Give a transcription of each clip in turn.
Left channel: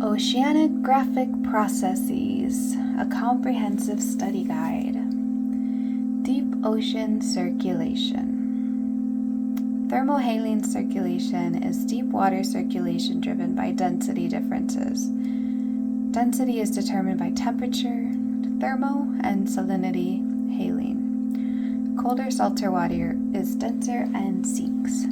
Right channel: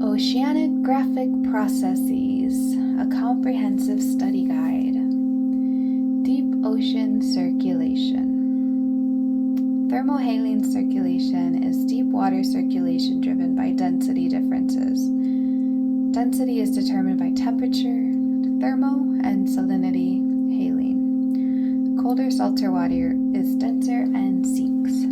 Oceanographic Processes, a comprehensive study guide. Deep ocean circulation. Thermohaline circulation is deep water circulation driven by density differences. Density is determined by temperature, thermo, and salinity, haline. Colder, salter water is denser and sinks.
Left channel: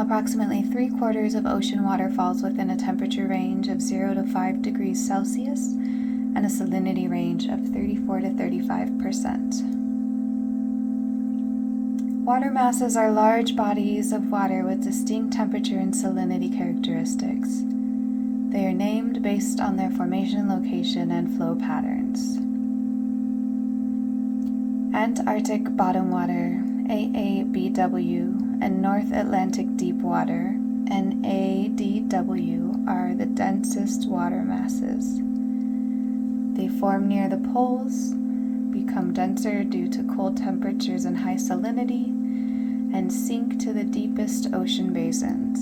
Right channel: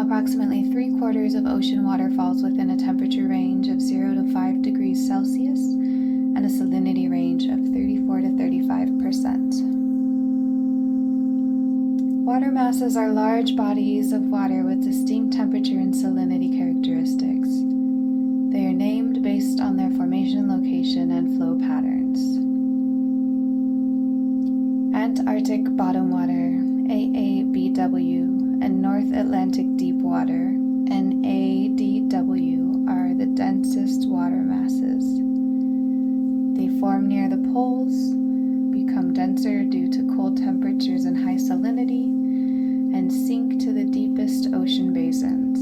Approximately 3/4 of ocean water falls within a temperature range of 0 to 5 degrees Celsius and a salinity range of 34 to 35%. Water masses are large bodies of water with distinct temperature and salinity characteristics. They are named based on their formation location and flow patterns. Antarctic bottom water, AABW, and North Atlantic deep water, NADW, are the densest water masses. They form near the poles, become denser due to cold temperatures and high salinity, and sink to the deepest ocean basins.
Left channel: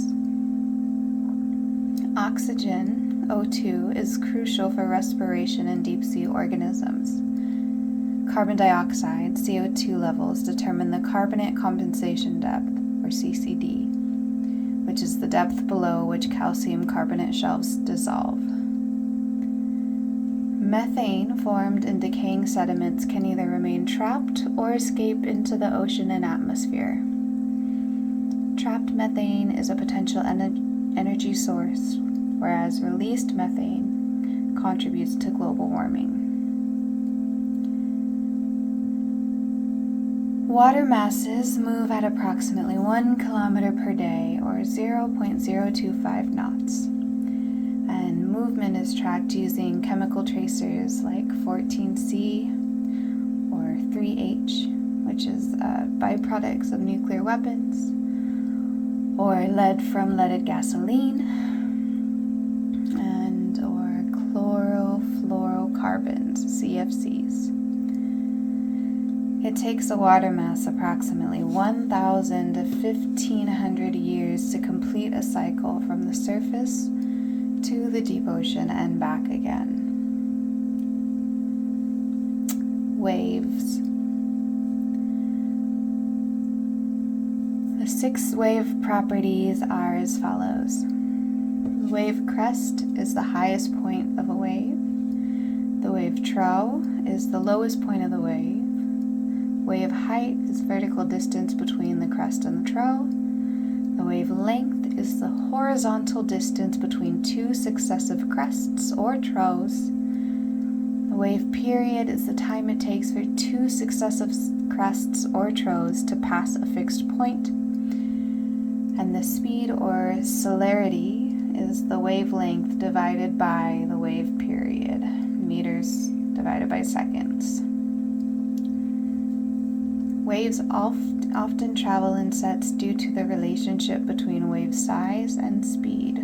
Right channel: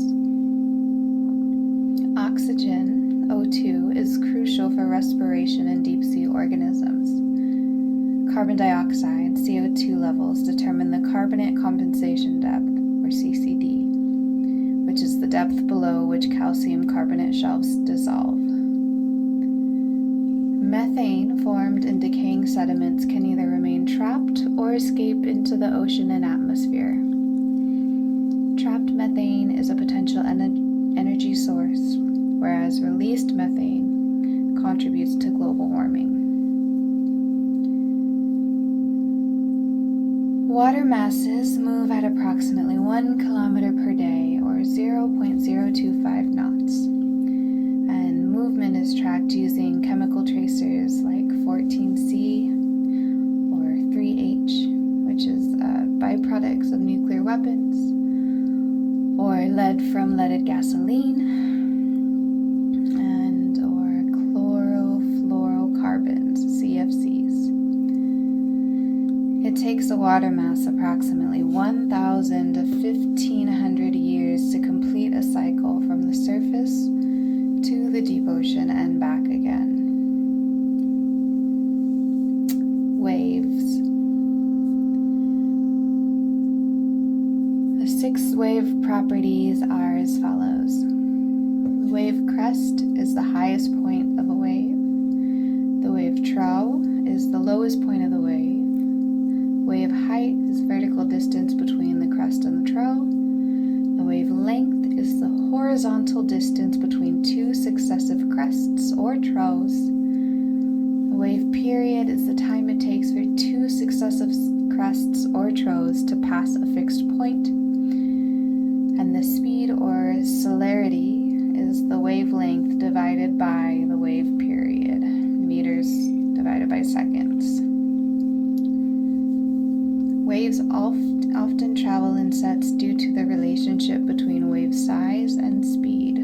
Oxygen, O2, is crucial for respiration in deep-sea organisms. Carbon dioxide, CO2 levels determine the carbonate compensation depth, or CCD, which is the depth below which calcium carbonate shelves dissolve. Methane formed in decaying sediments can either remain trapped or escape into the ocean and atmosphere. Trapped methane is a potential energy source, whereas released methane contributes to global warming. Water masses move at approximately 1 kilometer per day, or 0.025 knots. And movement is tracked using chemical tracers like 14C or 3H, which is byproducts of nuclear weapons, or lead from leaded gasoline, and or chlorofluorocarbons, CFCs. It takes a water mass approximately 1,000 to 1,500 years to complete a cycle from the surface to the deep ocean and back again. Waves. The 6 wave properties are as follows. The wave crest is the highest point of a wave. The wave trough is the lowest point of the wave. Wave height is vertical distance between the crest and the trough. The wave length is the horizontal distance between 2 successive crests or troughs. The wave period is the time it takes for 2 successive crests or troughs to pass a fixed point. And the speed or celerity is the wavelength divided by the wave period, meters divided by seconds. Waves often travel in sets due to the relationship between wave size and speed.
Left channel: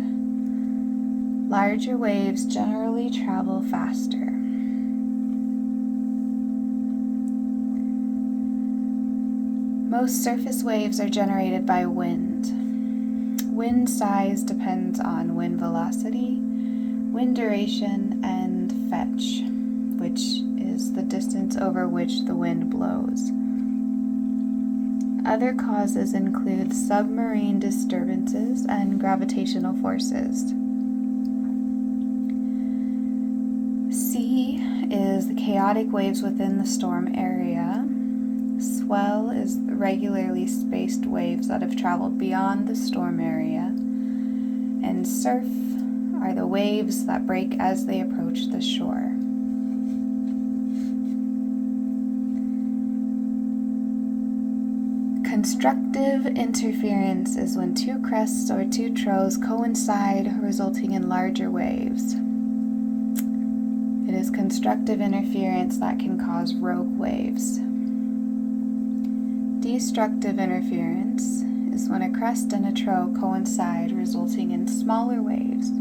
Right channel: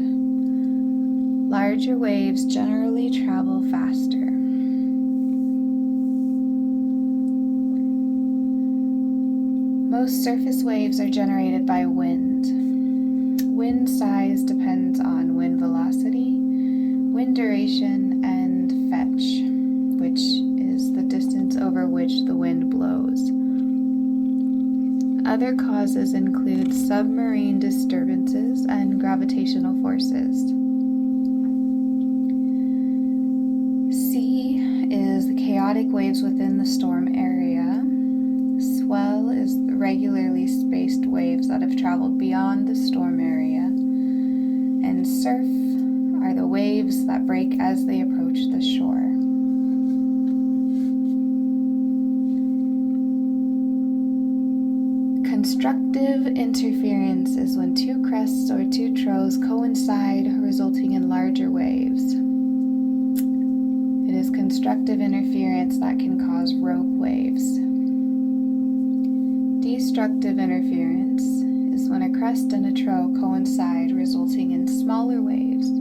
Larger waves generally travel faster. Most surface waves are generated by wind. Wind size depends on wind velocity, wind duration, and fetch, which is the distance over which the wind blows. Other causes include submarine disturbances and gravitational forces. C is the chaotic waves within the storm area. Swell is the regularly spaced waves that have traveled beyond the storm area. And surf are the waves that break as they approach the shore. Constructive interference is when 2 crests or 2 troughs coincide, resulting in larger waves. It is constructive interference that can cause rogue waves. Destructive interference is when a crest and a trough coincide, resulting in smaller waves,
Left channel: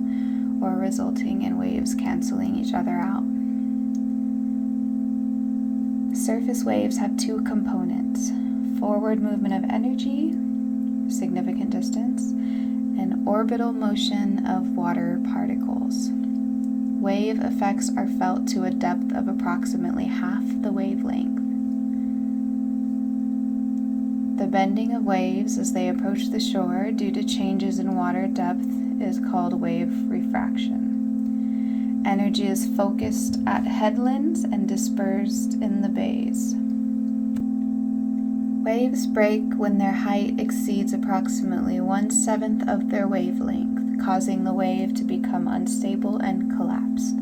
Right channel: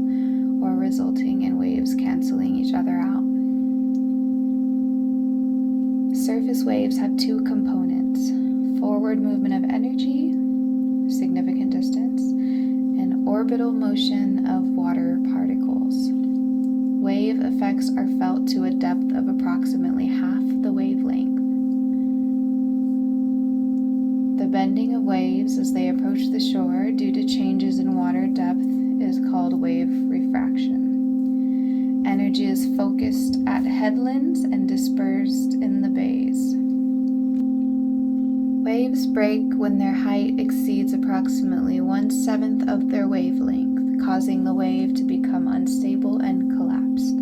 or resulting in waves canceling each other out. Surface waves have 2 components: forward movement of energy, significant distance, and orbital motion of water particles. Wave effects are felt to a depth of approximately half the wavelength. The bending of waves as they approach the shore due to changes in water depth is called wave refraction. Energy is focused at headlands and dispersed in the bays. Waves break when their height exceeds approximately 1/7 of their wavelength, causing the wave to become unstable and collapsed.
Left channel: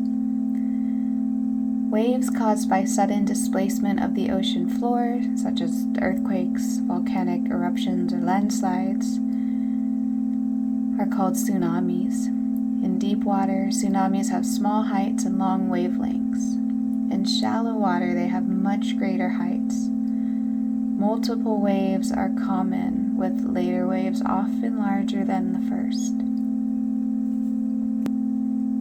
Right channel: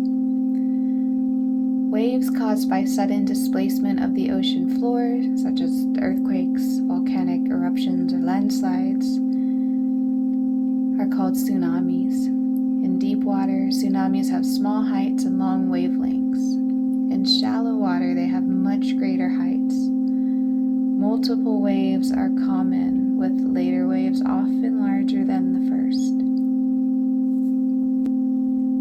Waves caused by sudden displacement of the ocean floor, such as earthquakes, volcanic eruptions, or landslides, are called tsunamis. In deep water, tsunamis have small heights and long wavelengths. In shallow water, they have much greater heights. Multiple waves are common, with later waves often larger than the first.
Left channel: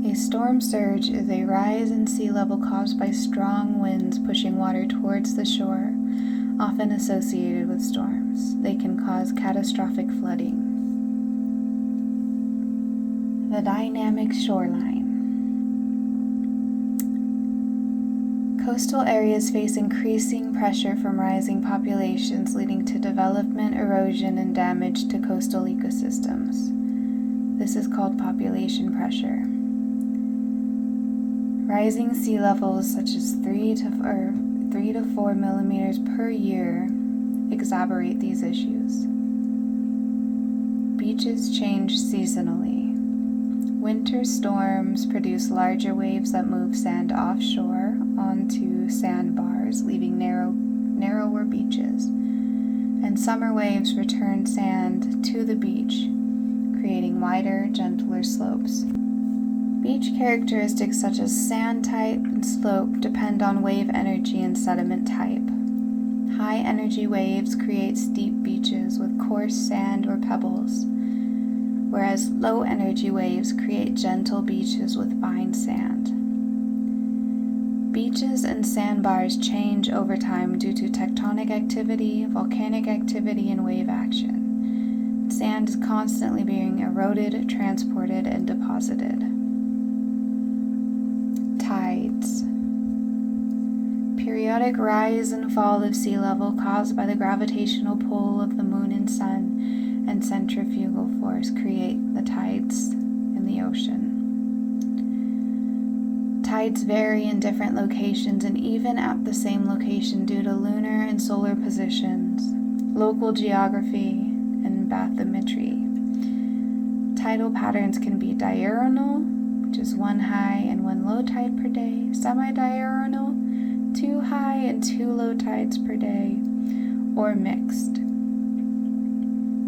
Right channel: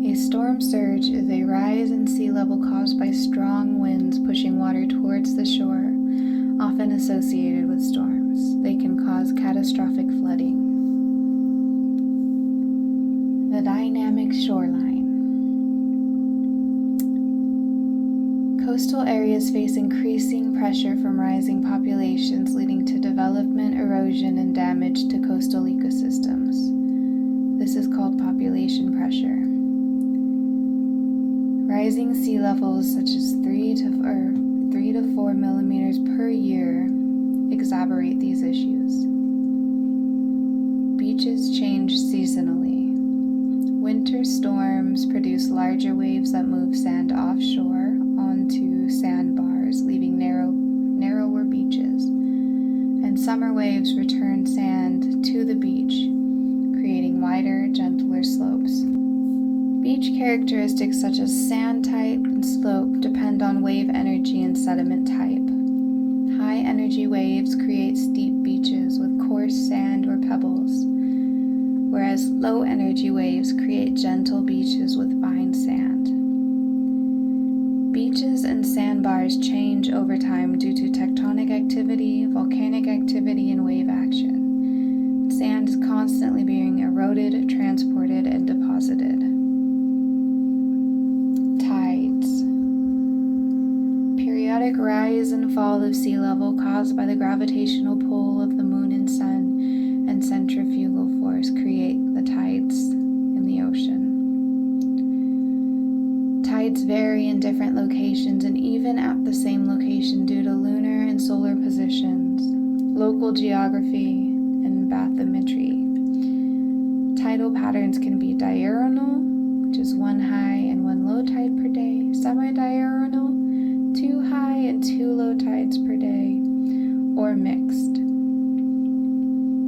A storm surge is a rise in sea level caused by strong winds pushing water towards the shore, often associated with storms. They can cause catastrophic flooding. The dynamic shoreline. Coastal areas face increasing pressure from rising populations, leading to development, erosion, and damage to coastal ecosystems. This is called population pressure. Rising sea levels, such as 3 to 4 millimeters per year, exacerbate these issues. Beaches change seasonally. Winter storms produce larger waves that move sand offshore onto sandbars, leaving narrower beaches. And summer waves return sand to the beach, creating wider, gentler slopes. Beach characteristics such as sand type and slope depend on wave energy and sediment type. High energy waves create steep beaches with coarse sand or pebbles, whereas low energy waves create gentle beaches with fine sand. Beaches and sandbars change over time due to tectonic activity, volcanic activity, and wave action. Sand is constantly being eroded, transported, and deposited. Tides. Periodic rise and fall of sea level caused by the gravitational pull of the moon and sun and centrifugal force create the tides in the ocean. Tides vary in different locations and even at the same location due to lunar and solar positions, local geography, and bathymetry. Tidal patterns can be diurnal, which is 1 high and 1 low tide per day, semi-diurnal, 2 high and 2 low tides per day, or mixed.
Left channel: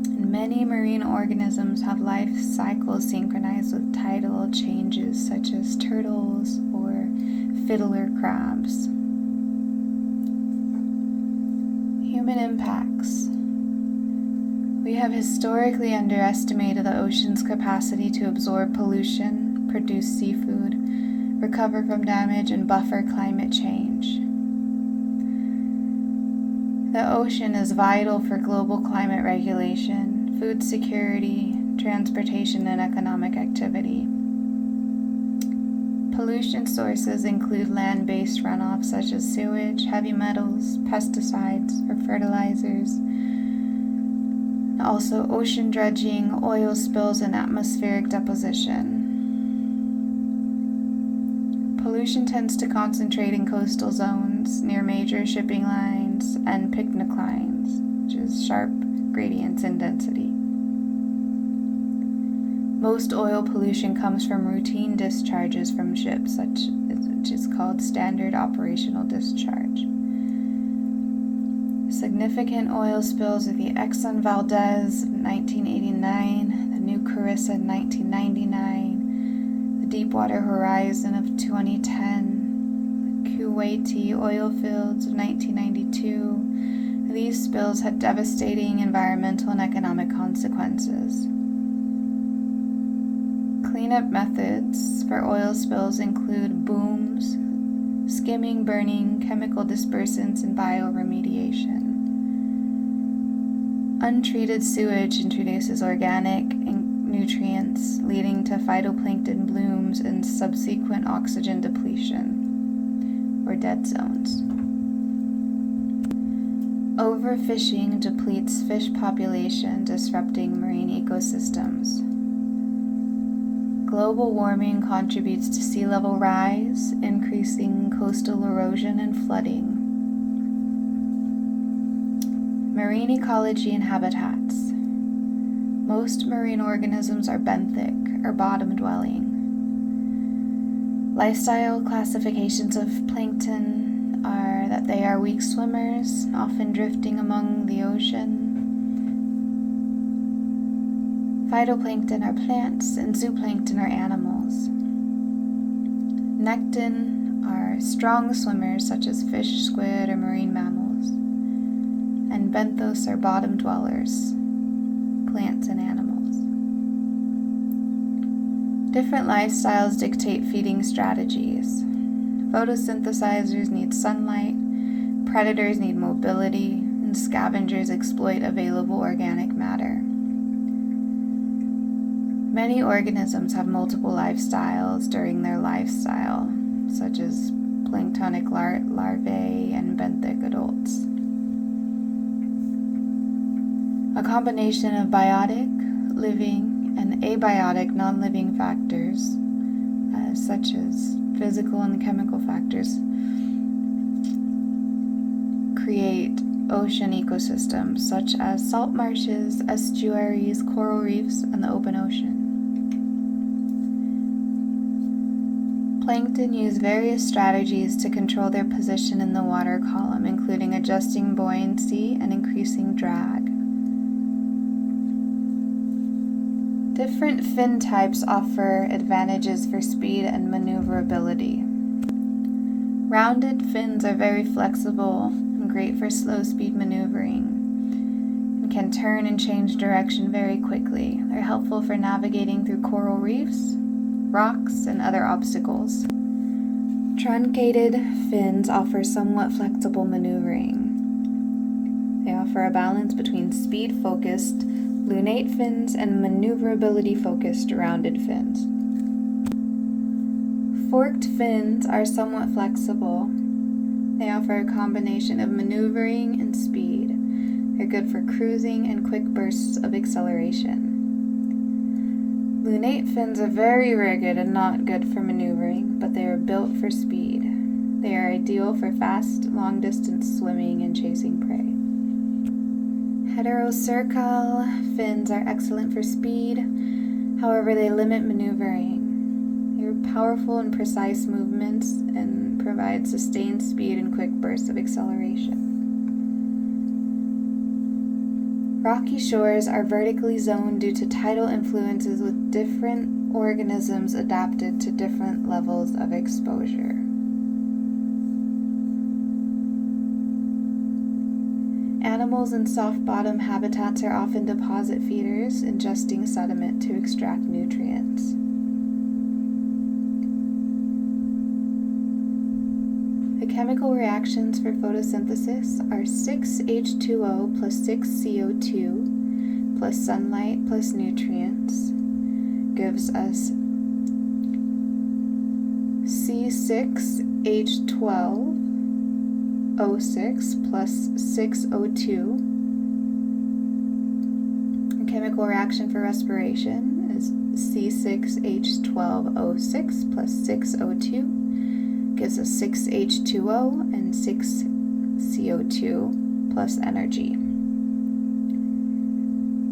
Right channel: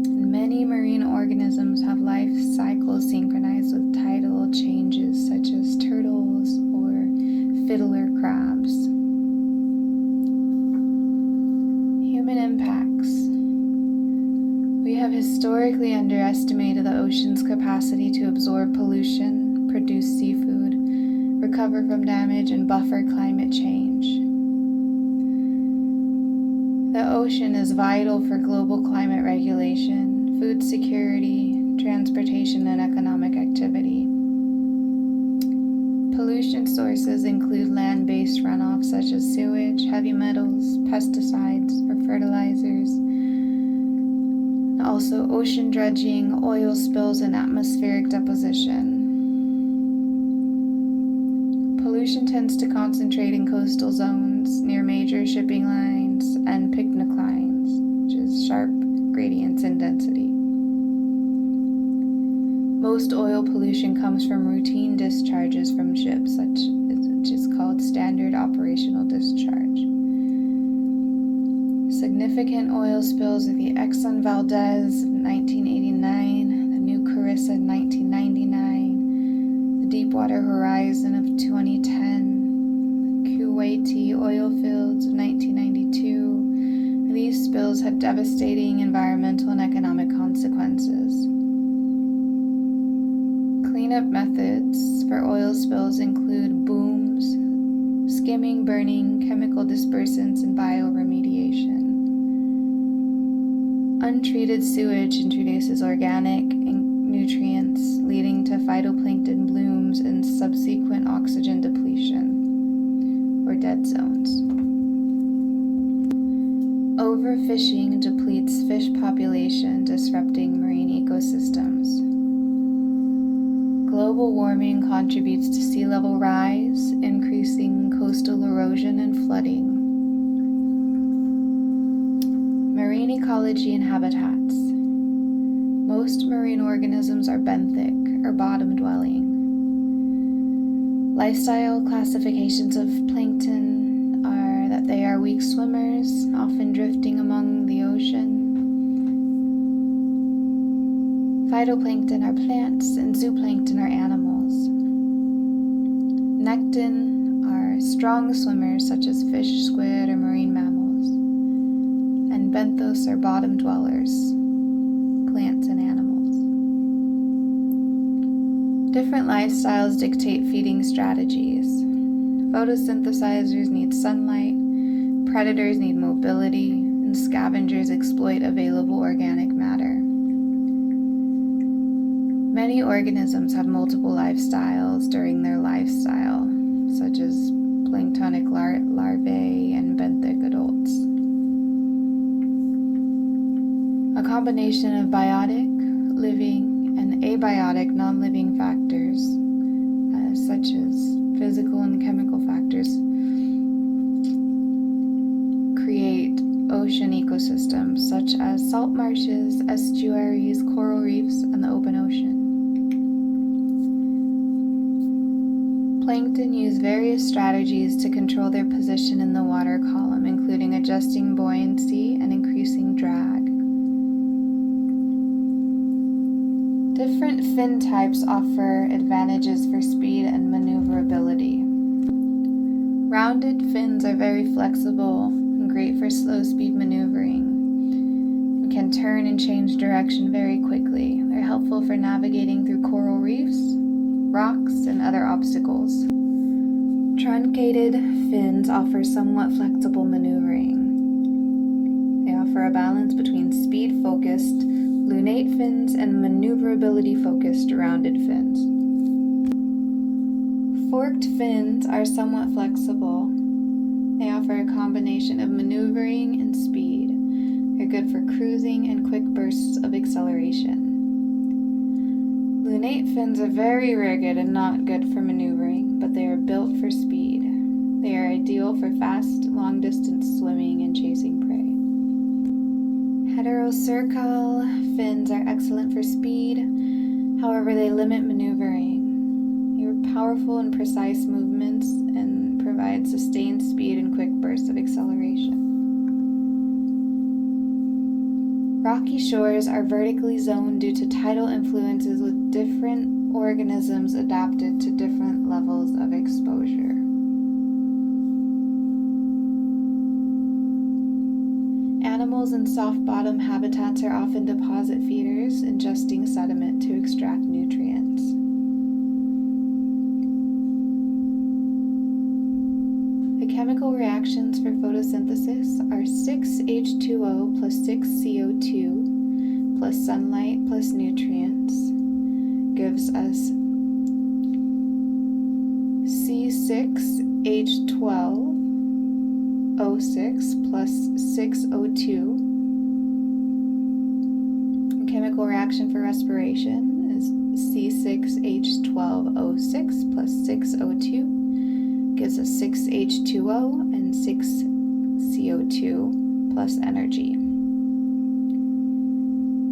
And many marine organisms have life cycles synchronized with tidal changes, such as turtles or fiddler crabs. Human impacts. We have historically underestimated the ocean's capacity to absorb pollution, produce seafood, recover from damage, and buffer climate change. The ocean is vital for global climate regulation, food security, transportation, and economic activity. Pollution sources include land-based runoff such as sewage, heavy metals, pesticides, or fertilizers, and also ocean dredging, oil spills, and atmospheric deposition. Pollution tends to concentrate in coastal zones near major shipping lines and picnic lines, which is sharp gradients in density. Most oil pollution comes from routine discharges from ships, which is called standard operational discharge. Significant oil spills are the Exxon Valdez in 1989, the New Carissa in 1999, the Deepwater Horizon of 2010, the Kuwaiti oil fields of 1992. These spills had devastating environmental and economic consequences. Cleanup methods for oil spills include booms, skimming, burning, chemical dispersants, and bioremediation. Untreated sewage introduces organic and nutrients, leading to phytoplankton blooms and subsequent oxygen depletion, or dead zones. Overfishing depletes fish population, disrupting marine ecosystems. Global warming contributes to sea level rise, increasing coastal erosion and flooding. Marine ecology and habitats. Most marine organisms are benthic, or bottom-dwelling. Lifestyle classifications of plankton are that they are weak swimmers, often drifting among the ocean. Phytoplankton are plants, and zooplankton are animals. Nekton are strong swimmers such as fish, squid, or marine mammals. And benthos are bottom dwellers, plants and animals. Different lifestyles dictate feeding strategies. Photosynthesizers need sunlight, predators need mobility, and scavengers exploit available organic matter. Many organisms have multiple lifestyles during their lifestyle, such as planktonic larvae and benthic adults. A combination of biotic, living, and abiotic non-living factors, such as physical and chemical factors, create ocean ecosystems such as salt marshes, estuaries, coral reefs, and the open ocean. Plankton use various strategies to control their position in the water column, including adjusting buoyancy and increasing drag. Different fin types offer advantages for speed and maneuverability. Rounded fins are very flexible and great for slow speed maneuvering and can turn and change direction very quickly. They're helpful for navigating through coral reefs, rocks, and other obstacles. Truncated fins offer somewhat flexible maneuvering. They offer a balance between speed-focused lunate fins and maneuverability-focused rounded fins. Forked fins are somewhat flexible. They offer a combination of maneuvering and speed. They're good for cruising and quick bursts of acceleration. Lunate fins are very rigid and not good for maneuvering, but they are built for speed. They are ideal for fast, long-distance swimming and chasing prey. Heterocercal fins are excellent for speed, however they limit maneuvering. They are powerful and precise movements and provide sustained speed and quick bursts of acceleration. Rocky shores are vertically zoned due to tidal influences with different organisms adapted to different levels of exposure. Animals in soft-bottom habitats are often deposit feeders, ingesting sediment to extract nutrients. The chemical reactions for photosynthesis are 6H2O plus 6CO2 plus sunlight plus nutrients gives us C6H12O6 plus 6O2. The chemical reaction for respiration is C6H12O6 plus 6O2 gives us 6H2O and 6CO2 plus energy.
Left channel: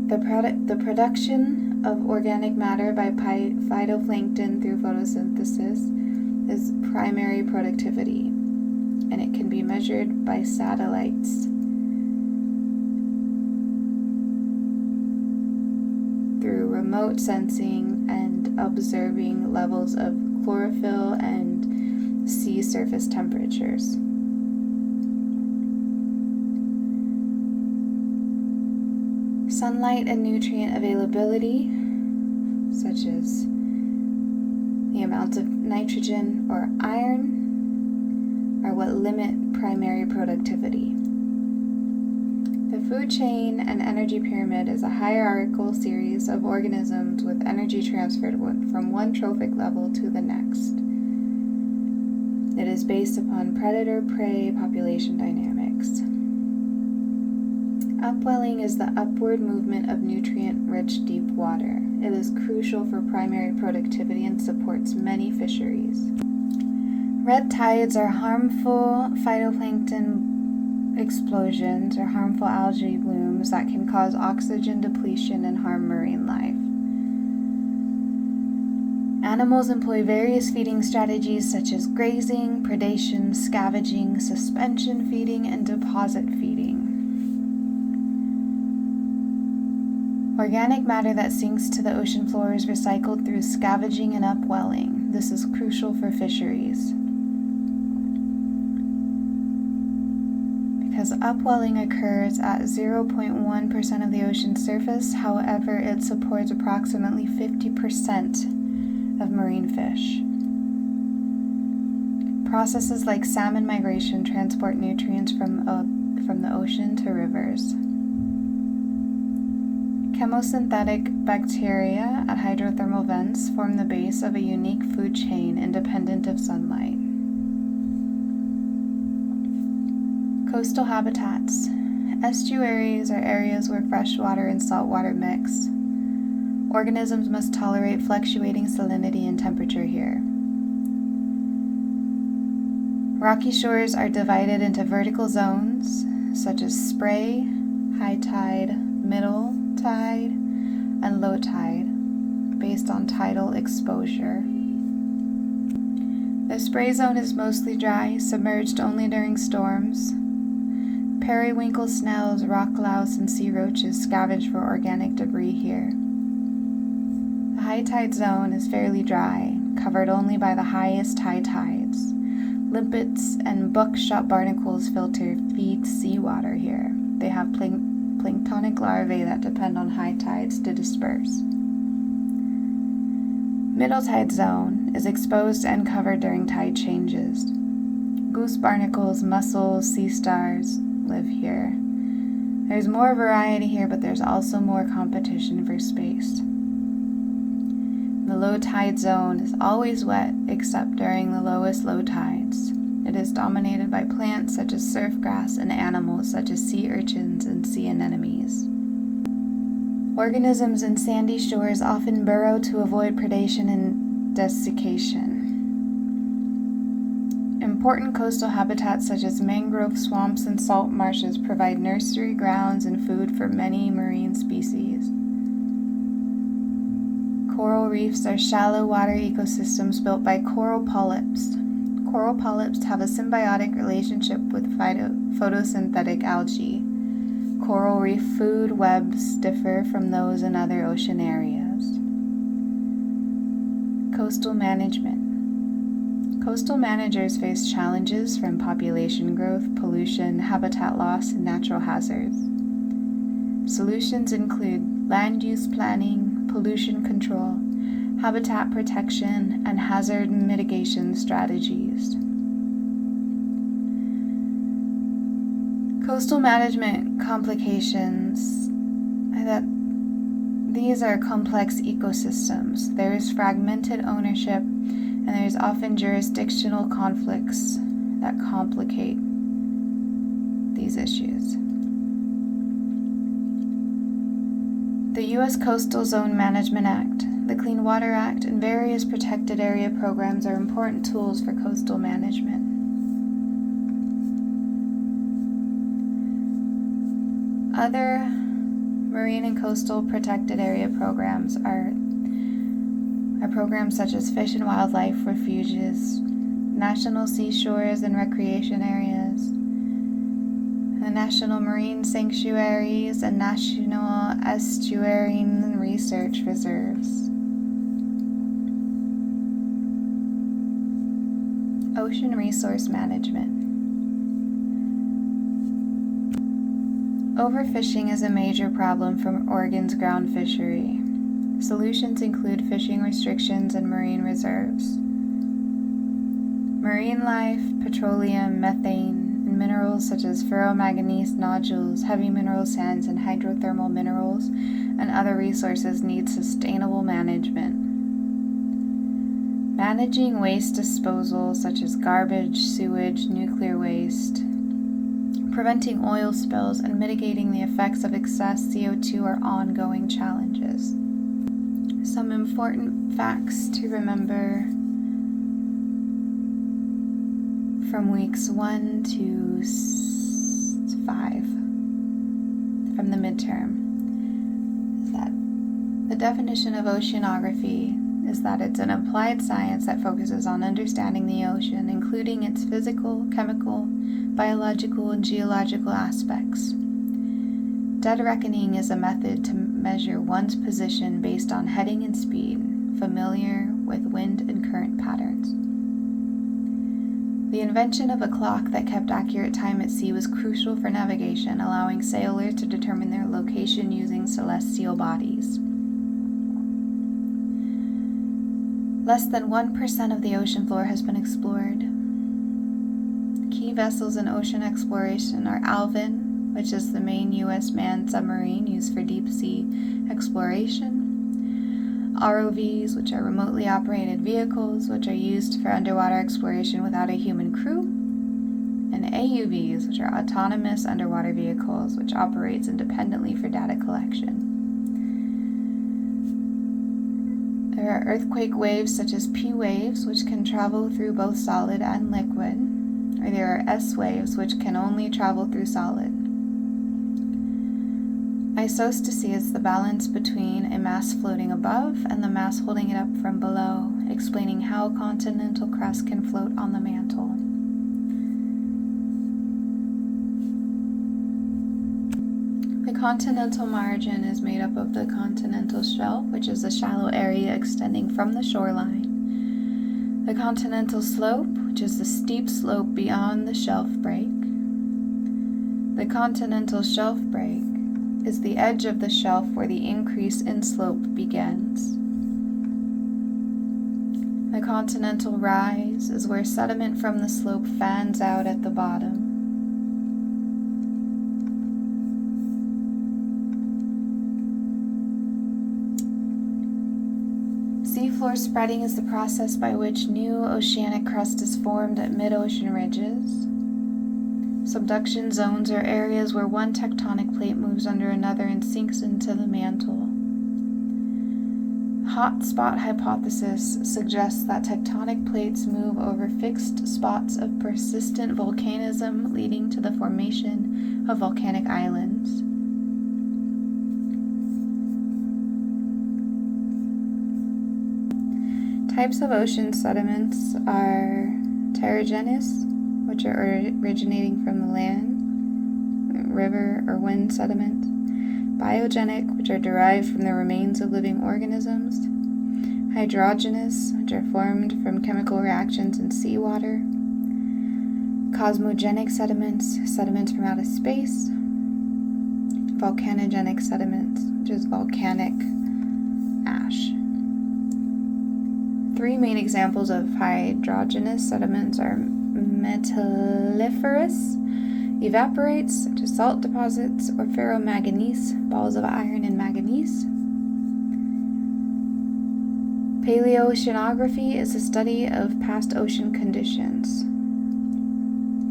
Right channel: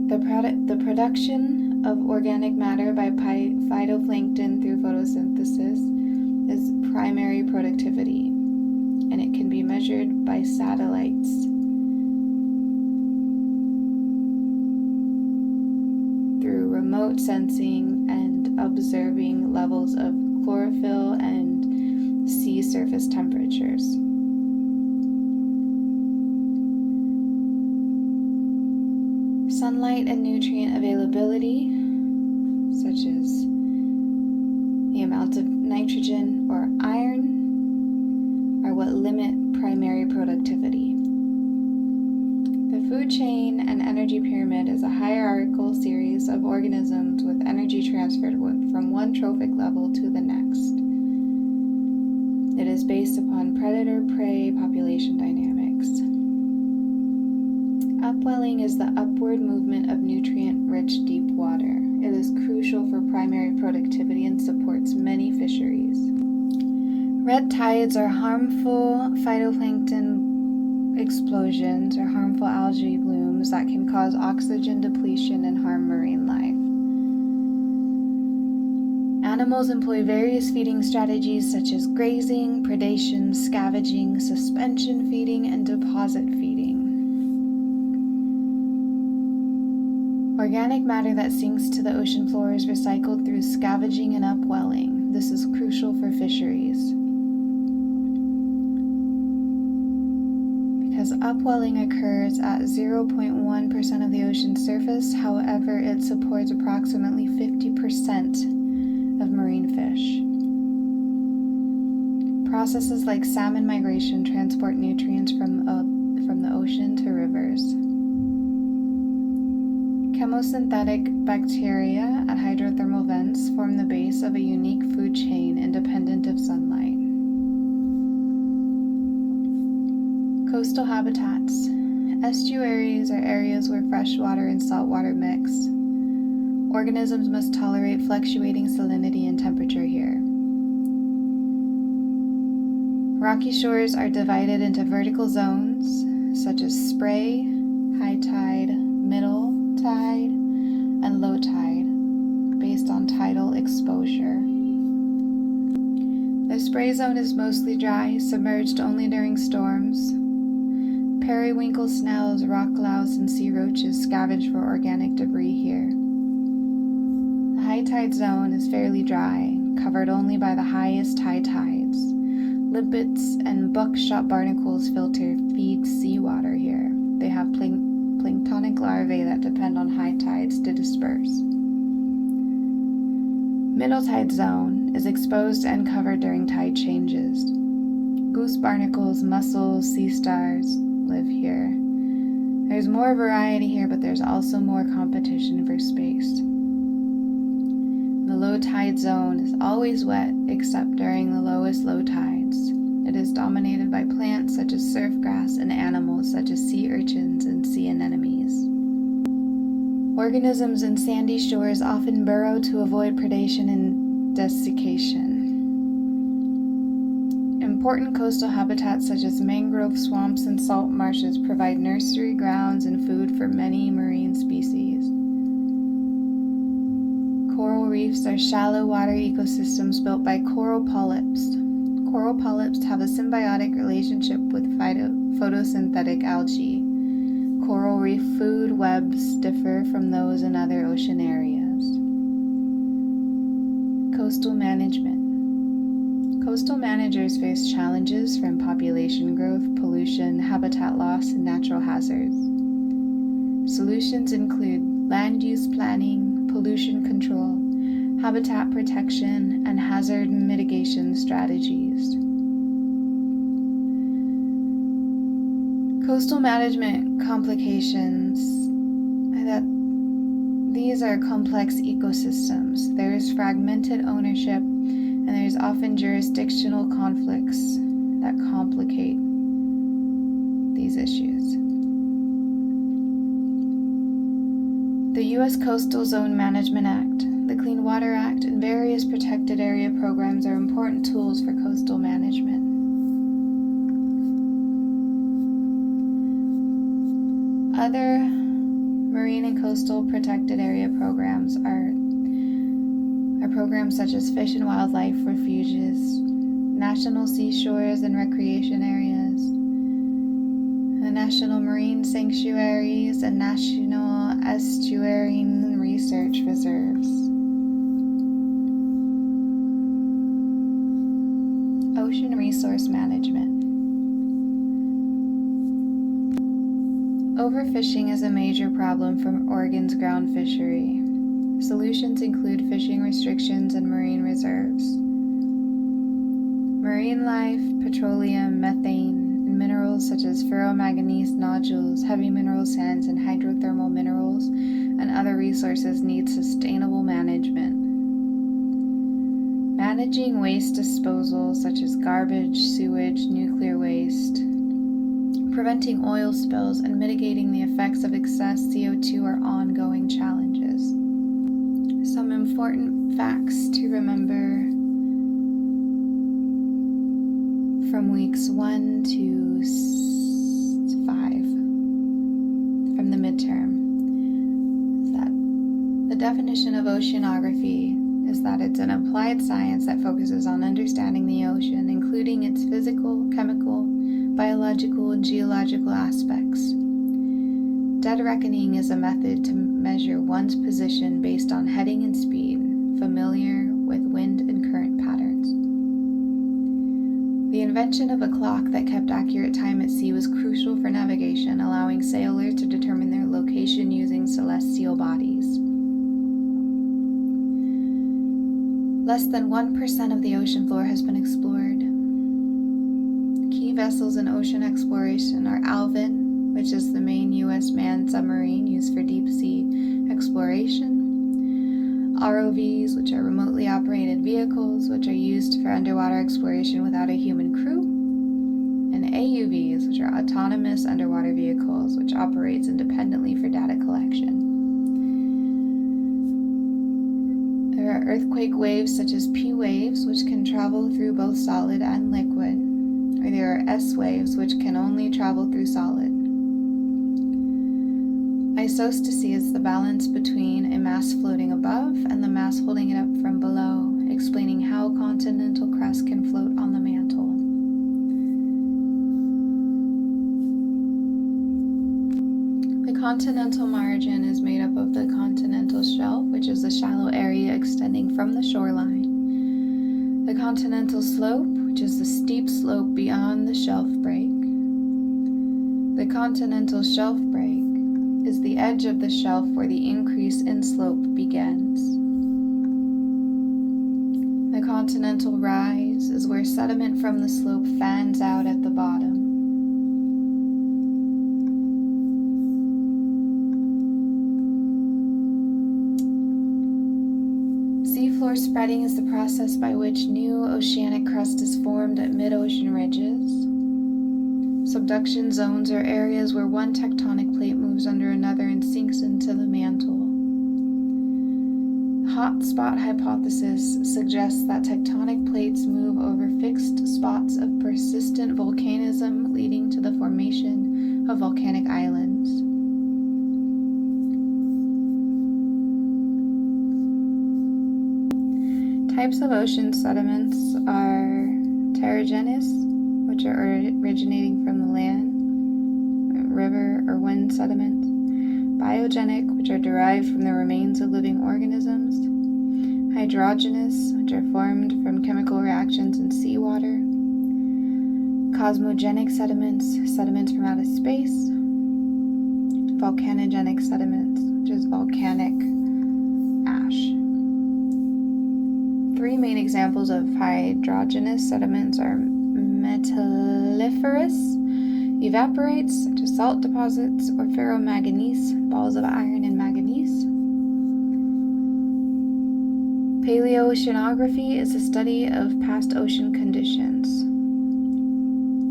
The production of organic matter by phytoplankton through photosynthesis is primary productivity, and it can be measured by satellites through remote sensing and observing levels of chlorophyll and sea surface temperatures. Sunlight and nutrient availability, such as the amounts of nitrogen or iron, are what limit primary productivity. The The food chain and energy pyramid is a hierarchical series of organisms with energy transferred from one trophic level to the next. It is based upon predator-prey population dynamics. Upwelling is the upward movement of nutrient-rich deep water. It is crucial for primary productivity and supports many fisheries. Red tides are harmful phytoplankton explosions or harmful algae blooms that can cause oxygen depletion and harm marine life. Animals employ various feeding strategies such as grazing, predation, scavenging, suspension feeding, and deposit feeding. Organic matter that sinks to the ocean floor is recycled through scavenging and upwelling. This is crucial for fisheries. Because upwelling occurs at 0.1% of the ocean's surface, however, it supports approximately 50% of marine fish. Processes like salmon migration transport nutrients from the ocean to rivers. Chemosynthetic bacteria at hydrothermal vents form the base of a unique food chain independent of sunlight. Coastal habitats. Estuaries are areas where fresh water and salt water mix. Organisms must tolerate fluctuating salinity and temperature here. Rocky shores are divided into vertical zones, such as spray, high tide, middle tide, and low tide, based on tidal exposure. The spray zone is mostly dry, submerged only during storms. Periwinkle snails, rock louse, and sea roaches scavenge for organic debris here. The high tide zone is fairly dry, covered only by the highest high tides. Limpets and buckshot barnacles feed seawater here. They have planktonic larvae that depend on high tides to disperse. Middle tide zone is exposed and covered during tide changes. Goose barnacles, mussels, sea stars live here. There's more variety here, but there's also more competition for space. The low tide zone is always wet except during the lowest low tides. It is dominated by plants such as surf grass and animals such as sea urchins and sea anemones. Organisms in sandy shores often burrow to avoid predation and desiccation. Important coastal habitats such as mangrove swamps and salt marshes provide nursery grounds and food for many marine species. Coral reefs are shallow water ecosystems built by coral polyps. Coral polyps have a symbiotic relationship with photosynthetic algae. Coral reef food webs differ from those in other ocean areas. Coastal management. Coastal managers face challenges from population growth, pollution, habitat loss, and natural hazards. Solutions include land use planning, pollution control, habitat protection, and hazard mitigation strategies. Coastal management complications are that these are complex ecosystems. There is fragmented ownership, and there is often jurisdictional conflicts that complicate these issues. The U.S. Coastal Zone Management Act, the Clean Water Act, and various protected area programs are important tools for coastal management. Other marine and coastal protected area programs are programs such as fish and wildlife refuges, national seashores and recreation areas, the national marine sanctuaries, and national estuarine research reserves. Ocean resource management. Overfishing is a major problem for Oregon's ground fishery. Solutions include fishing restrictions and marine reserves. Marine life, petroleum, methane, and minerals such as ferromanganese nodules, heavy mineral sands, and hydrothermal minerals, and other resources need sustainable management. Managing waste disposal such as garbage, sewage, nuclear waste, preventing oil spills, and mitigating the effects of excess CO2 are ongoing challenges. Some important facts to remember from weeks 1 to 5 from the midterm is that the definition of oceanography is that it's an applied science that focuses on understanding the ocean, including its physical, chemical, biological, and geological aspects. Dead reckoning is a method to measure one's position based on heading and speed, familiar with wind and current patterns. The invention of a clock that kept accurate time at sea was crucial for navigation, allowing sailors to determine their location using celestial bodies. Less than 1% of the ocean floor has been explored. Key vessels in ocean exploration are Alvin, which is the main U.S. manned submarine used for deep sea exploration, ROVs, which are remotely operated vehicles, which are used for underwater exploration without a human crew, and AUVs, which are autonomous underwater vehicles, which operates independently for data collection. There are earthquake waves such as P waves, which can travel through both solid and liquid, or there are S waves, which can only travel through solid. Isostasy is the balance between a mass floating above and the mass holding it up from below, explaining how continental crust can float on the mantle. The continental margin is made up of the continental shelf, which is a shallow area extending from the shoreline, the continental slope, which is the steep slope beyond the shelf break. The continental shelf break is the edge of the shelf where the increase in slope begins. The continental rise is where sediment from the slope fans out at the bottom. Seafloor spreading is the process by which new oceanic crust is formed at mid-ocean ridges. Subduction zones are areas where one tectonic plate moves under another and sinks into the mantle. Hot spot hypothesis suggests that tectonic plates move over fixed spots of persistent volcanism, leading to the formation of volcanic islands. Types of ocean sediments are terragenous, which are originating from the land, river or wind sediments, biogenic, which are derived from the remains of living organisms, hydrogenous, which are formed from chemical reactions in seawater, cosmogenic sediments, sediments from outer space, volcanogenic sediments, which is volcanic ash. Three main examples of hydrogenous sediments are metalliferous evaporates, such as salt deposits, or ferromanganese, balls of iron and manganese. Paleoceanography is the study of past ocean conditions,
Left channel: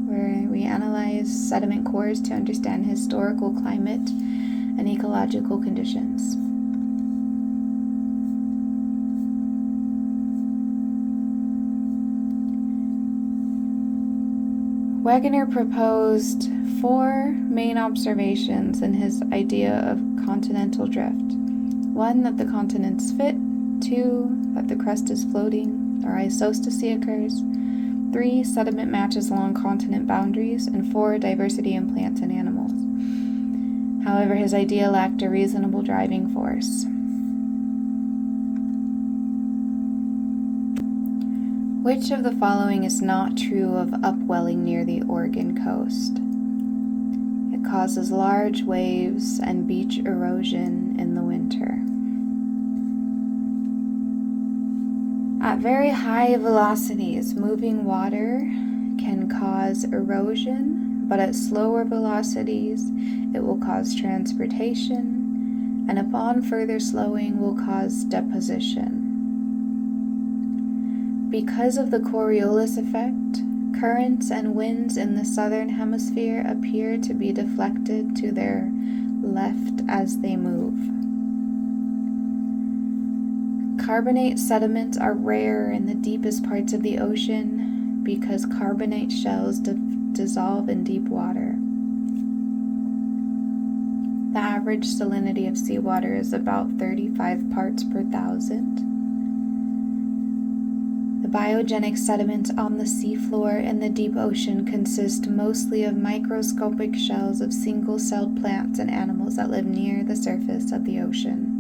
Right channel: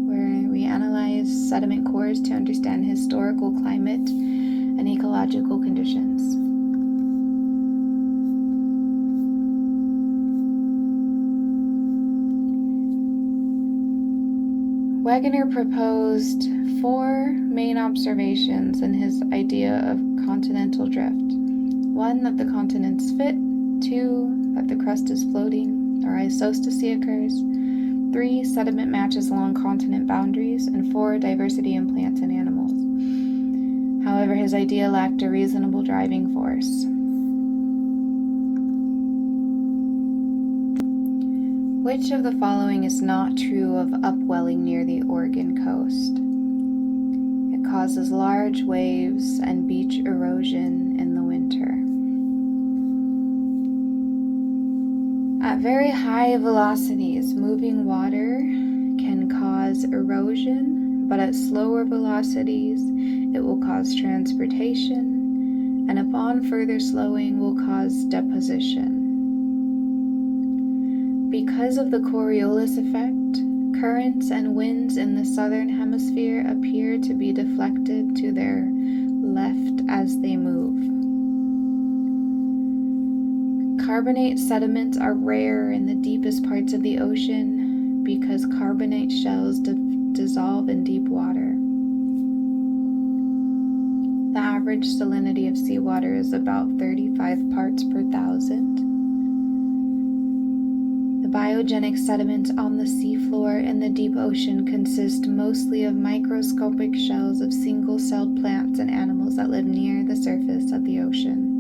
where we analyze sediment cores to understand historical climate and ecological conditions. Wegener proposed 4 main observations in his idea of continental drift. 1, that the continents fit. 2, that the crust is floating, or isostasy occurs. 3, sediment matches along continent boundaries. And 4, diversity in plants and animals. However, his idea lacked a reasonable driving force. Which of the following is not true of upwelling near the Oregon coast? It causes large waves and beach erosion in the winter. At very high velocities, moving water can cause erosion but at slower velocities it will cause transportation, and upon further slowing will cause deposition. Because of the Coriolis effect, currents and winds in the southern hemisphere appear to be deflected to their left as they move. Carbonate sediments are rare in the deepest parts of the ocean because carbonate shells dissolve in deep water. The average salinity of seawater is about 35 parts per thousand. The biogenic sediments on the seafloor in the deep ocean consist mostly of microscopic shells of single-celled plants and animals that live near the surface of the ocean.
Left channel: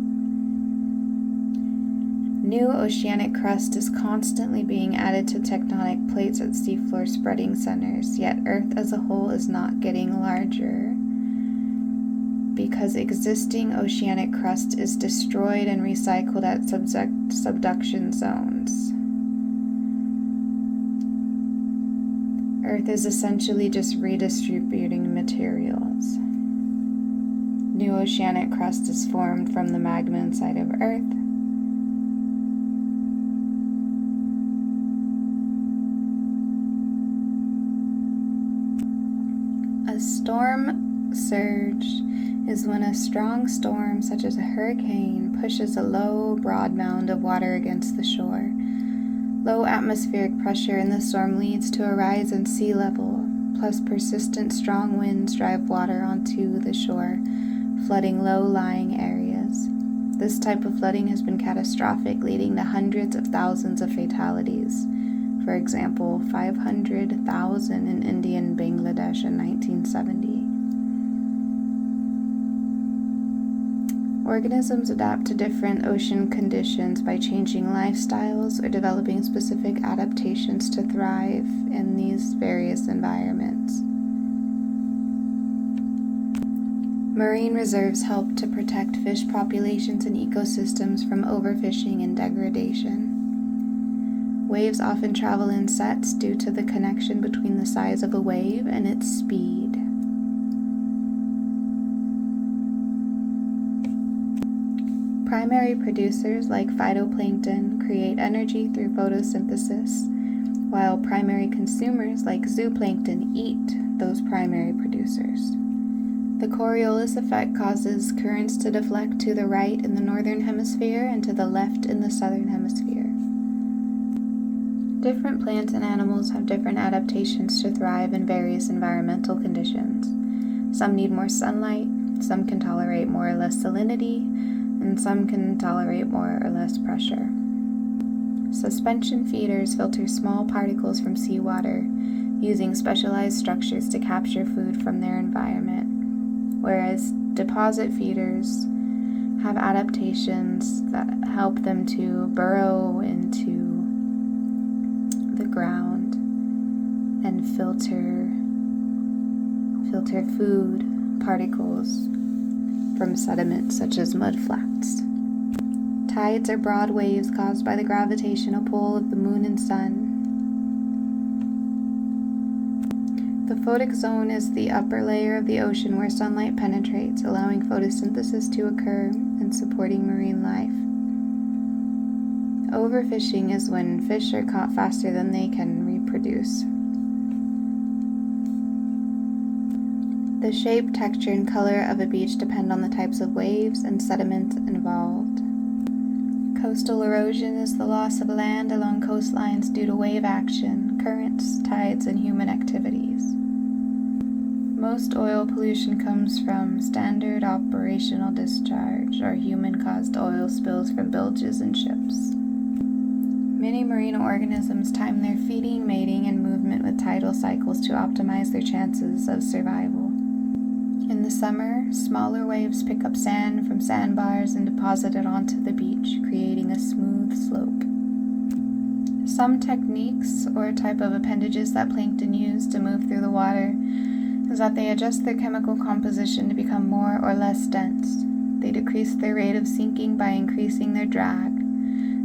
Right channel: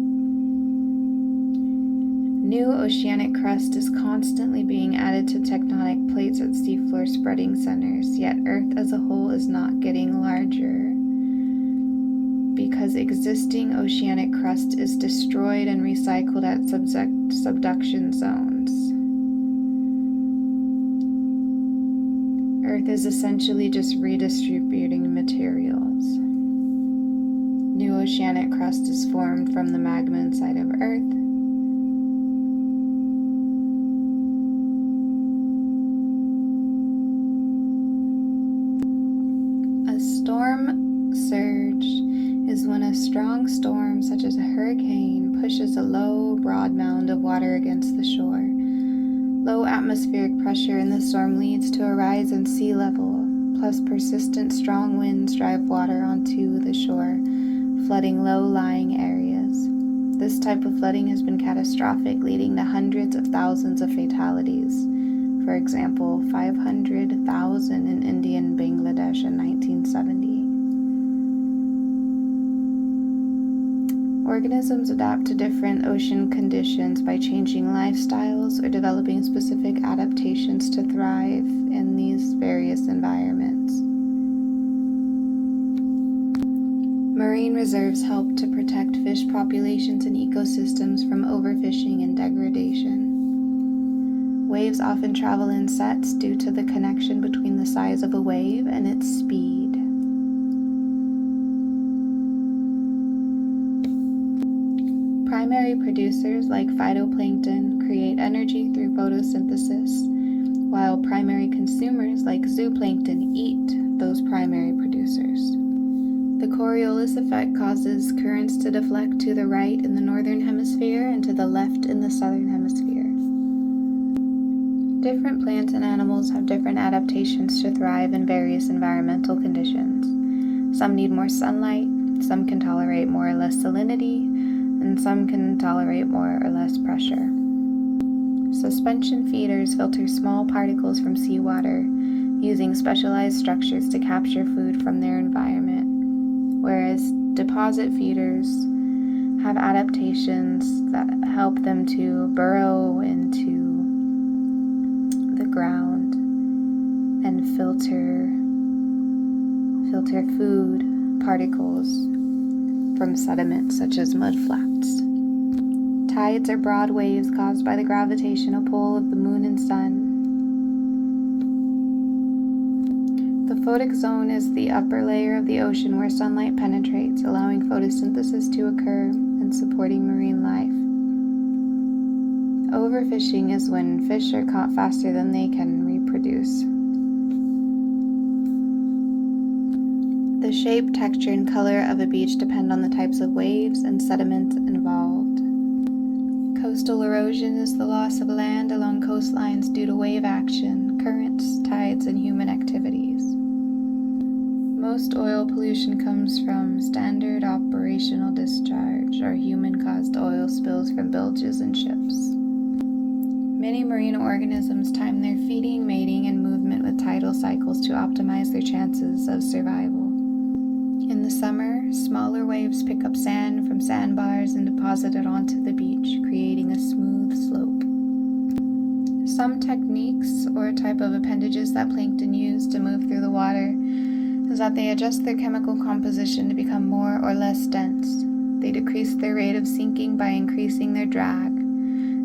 New oceanic crust is constantly being added to tectonic plates at seafloor spreading centers, yet Earth as a whole is not getting larger because existing oceanic crust is destroyed and recycled at subduction zones. Earth is essentially just redistributing materials. New oceanic crust is formed from the magma inside of Earth. A storm surge is when a strong storm, such as a hurricane, pushes a low, broad mound of water against the shore. Low atmospheric pressure in the storm leads to a rise in sea level, plus persistent strong winds drive water onto the shore, flooding low-lying areas. This type of flooding has been catastrophic, leading to hundreds of thousands of fatalities. For example, 500,000 in India and Bangladesh in 1970. Organisms adapt to different ocean conditions by changing lifestyles or developing specific adaptations to thrive in these various environments. Marine reserves help to protect fish populations and ecosystems from overfishing and degradation. Waves often travel in sets due to the connection between the size of a wave and its speed. Primary producers like phytoplankton create energy through photosynthesis, while primary consumers like zooplankton eat those primary producers. The Coriolis effect causes currents to deflect to the right in the northern hemisphere and to the left in the southern hemisphere. Different plants and animals have different adaptations to thrive in various environmental conditions. Some need more sunlight, some can tolerate more or less salinity, and some can tolerate more or less pressure. Suspension feeders filter small particles from seawater using specialized structures to capture food from their environment, whereas deposit feeders have adaptations that help them to burrow into the ground and filter food particles from sediments such as mudflats. Tides are broad waves caused by the gravitational pull of the moon and sun. The photic zone is the upper layer of the ocean where sunlight penetrates, allowing photosynthesis to occur and supporting marine life. Overfishing is when fish are caught faster than they can reproduce. The shape, texture, and color of a beach depend on the types of waves and sediments involved. Coastal erosion is the loss of land along coastlines due to wave action, currents, tides, and human activities. Most oil pollution comes from standard operational discharge or human-caused oil spills from bilges and ships. Many marine organisms time their feeding, mating, and movement with tidal cycles to optimize their chances of survival. In the summer, smaller waves pick up sand from sandbars and deposit it onto the beach, creating a smooth slope. Some techniques or type of appendages that plankton use to move through the water is that they adjust their chemical composition to become more or less dense. They decrease their rate of sinking by increasing their drag.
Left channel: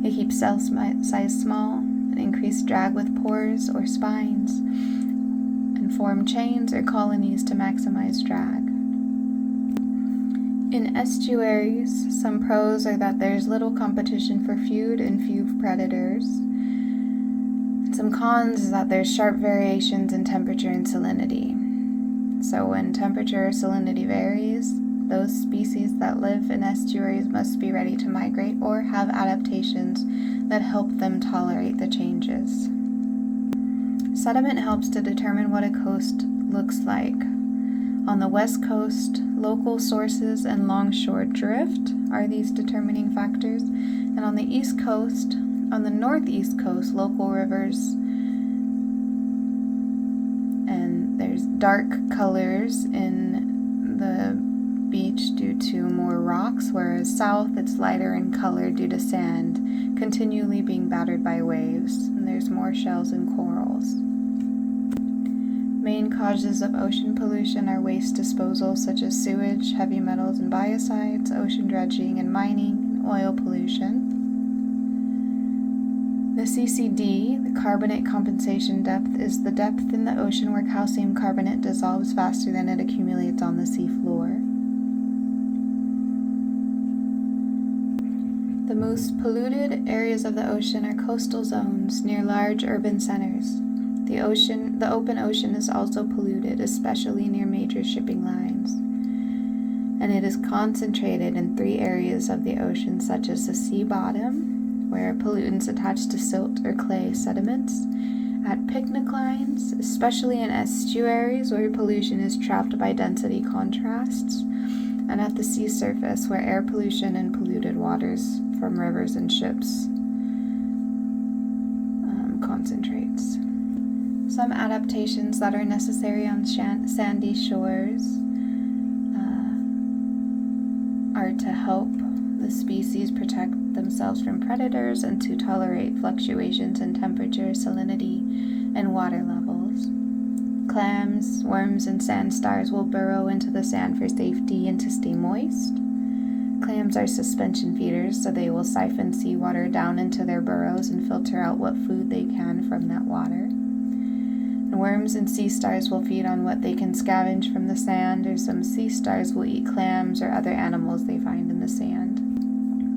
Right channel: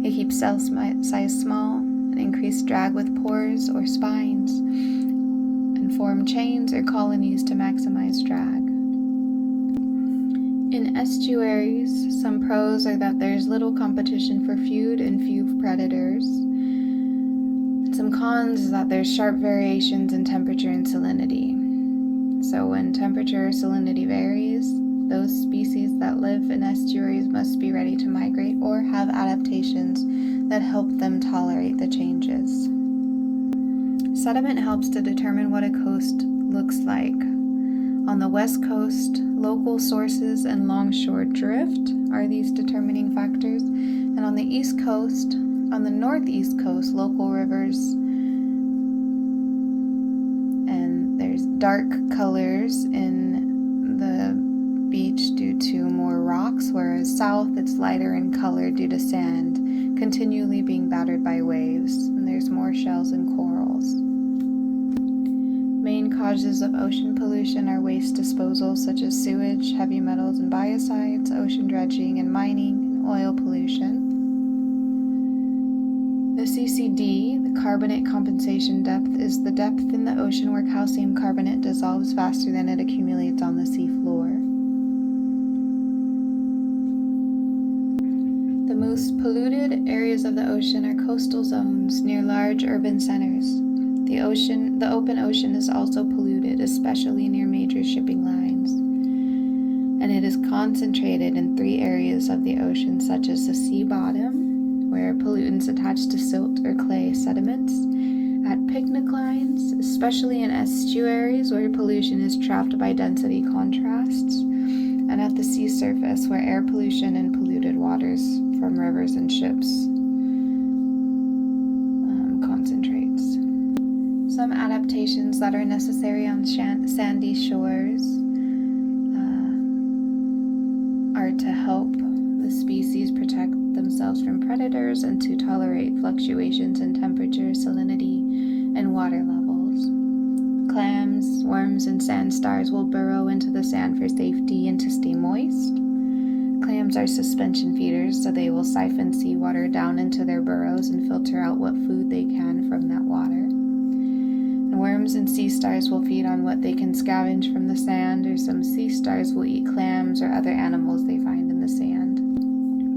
They keep cell size small and increase drag with pores or spines, and form chains or colonies to maximize drag. In estuaries, some pros are that there's little competition for food and few predators. Some cons is that there's sharp variations in temperature and salinity. So when temperature or salinity varies, those species that live in estuaries must be ready to migrate or have adaptations that help them tolerate the changes. Sediment helps to determine what a coast looks like. On the west coast, local sources and longshore drift are these determining factors, and on the east coast, on the northeast coast, local rivers, and there's dark colors in the beach due to more rocks, whereas south it's lighter in color due to sand continually being battered by waves, and there's more shells and corals. Main causes of ocean pollution are waste disposal such as sewage, heavy metals and biocides, ocean dredging and mining, and oil pollution. The CCD, the carbonate compensation depth, is the depth in the ocean where calcium carbonate dissolves faster than it accumulates on the seafloor. The most polluted areas of the ocean are coastal zones near large urban centers. The open ocean is also polluted, especially near major shipping lines. And it is concentrated in 3 areas of the ocean, such as the sea bottom, where pollutants attach to silt or clay sediments, at picnic lines, especially in estuaries where pollution is trapped by density contrasts, and at the sea surface where air pollution and polluted waters from rivers and ships concentrates. Some adaptations that are necessary on sandy shores are to help the species protect themselves from predators and to tolerate fluctuations in temperature, salinity, and water levels. Clams, worms, and sand stars will burrow into the sand for safety and to stay moist. Clams are suspension feeders, so they will siphon seawater down into their burrows and filter out what food they can from that water. And worms and sea stars will feed on what they can scavenge from the sand, or some sea stars will eat clams or other animals they find in the sand.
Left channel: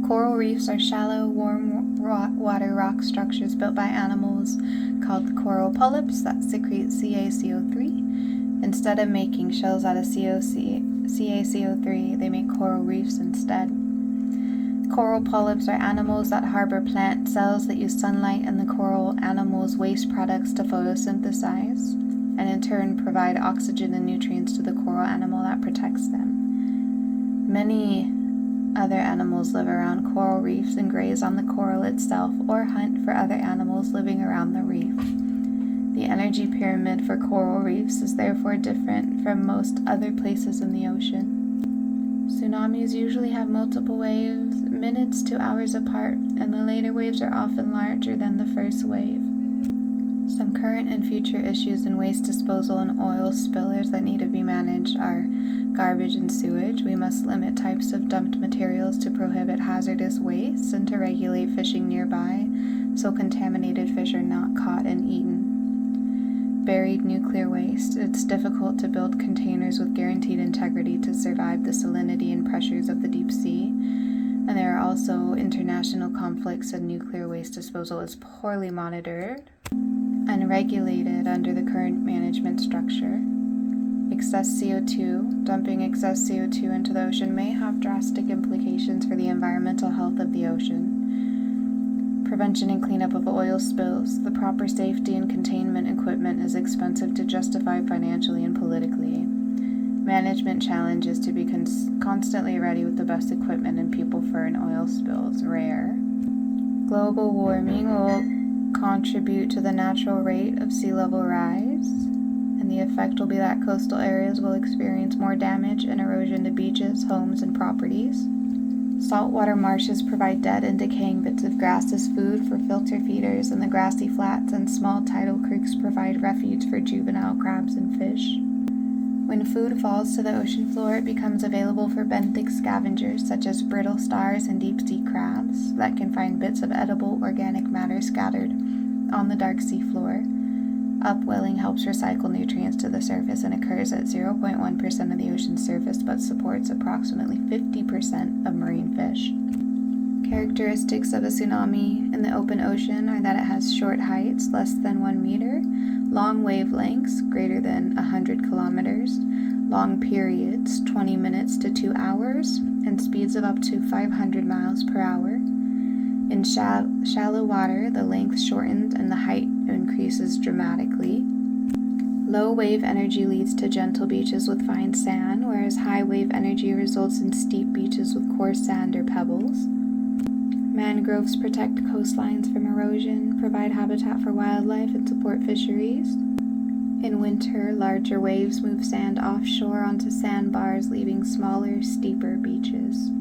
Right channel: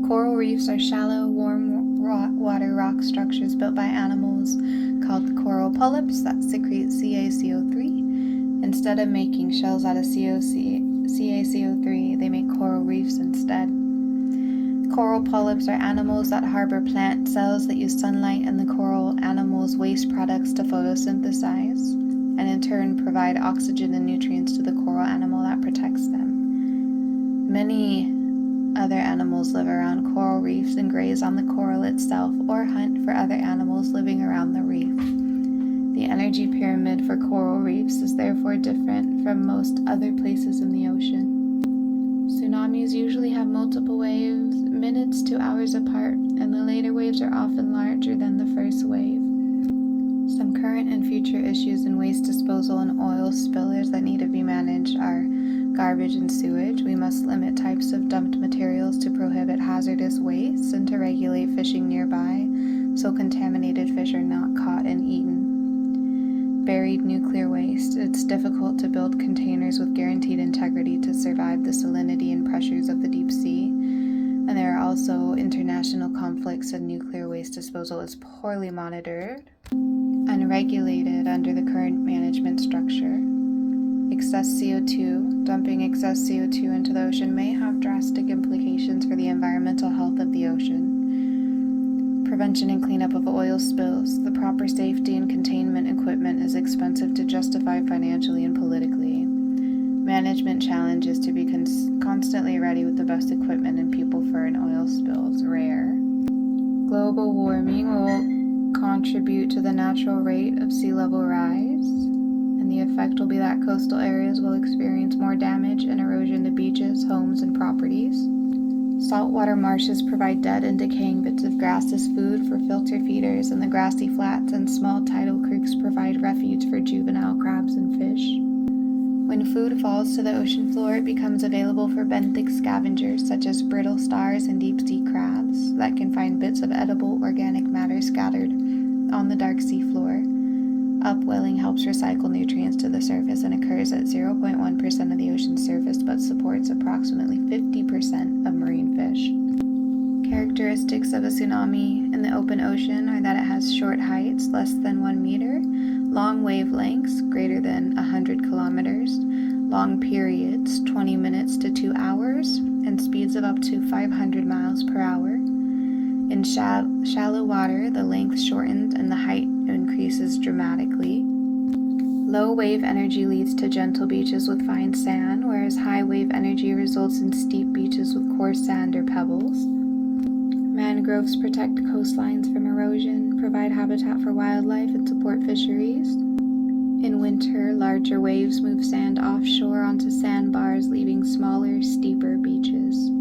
Coral reefs are shallow, warm water rock structures built by animals called coral polyps that secrete CaCO3. Instead of making shells out of CaCO3, they make coral reefs instead. Coral polyps are animals that harbor plant cells that use sunlight and the coral animals' waste products to photosynthesize, and in turn provide oxygen and nutrients to the coral animal that protects them. Many other animals live around coral reefs and graze on the coral itself or hunt for other animals living around the reef. The energy pyramid for coral reefs is therefore different from most other places in the ocean. Tsunamis usually have multiple waves, minutes to hours apart, and the later waves are often larger than the first wave. Some current and future issues in waste disposal and oil spillers that need to be managed are garbage and sewage. We must limit types of dumped materials to prohibit hazardous waste and to regulate fishing nearby so contaminated fish are not caught and eaten. Buried nuclear waste. It's difficult to build containers with guaranteed integrity to survive the salinity and pressures of the deep sea. And there are also international conflicts, and nuclear waste disposal is poorly monitored and regulated under the current management structure. Excess CO2. Dumping excess CO2 into the ocean may have drastic implications for the environmental health of the ocean. Prevention and cleanup of oil spills. The proper safety and containment equipment is expensive to justify financially and politically. Management challenge is to be constantly ready with the best equipment and people for an oil spill. It's rare. Global warming will contribute to the natural rate of sea level rise, and the effect will be that coastal areas will experience more damage and erosion to beaches, homes, and properties. Saltwater marshes provide dead and decaying bits of grass as food for filter feeders, and the grassy flats and small tidal creeks provide refuge for juvenile crabs and fish. When food falls to the ocean floor, it becomes available for benthic scavengers such as brittle stars and deep-sea crabs that can find bits of edible organic matter scattered on the dark sea floor. Upwelling helps recycle nutrients to the surface and occurs at 0.1% of the ocean's surface, but supports approximately 50% of marine fish. Characteristics of a tsunami in the open ocean are that it has short heights, less than 1 meter, long wavelengths, greater than 100 kilometers, long periods, 20 minutes to 2 hours, and speeds of up to 500 miles per hour. In shallow water, the length shortens and the height increases dramatically. Low wave energy leads to gentle beaches with fine sand, whereas high wave energy results in steep beaches with coarse sand or pebbles. Mangroves protect coastlines from erosion, provide habitat for wildlife, and support fisheries. In winter, larger waves move sand offshore onto sandbars, leaving smaller, steeper beaches.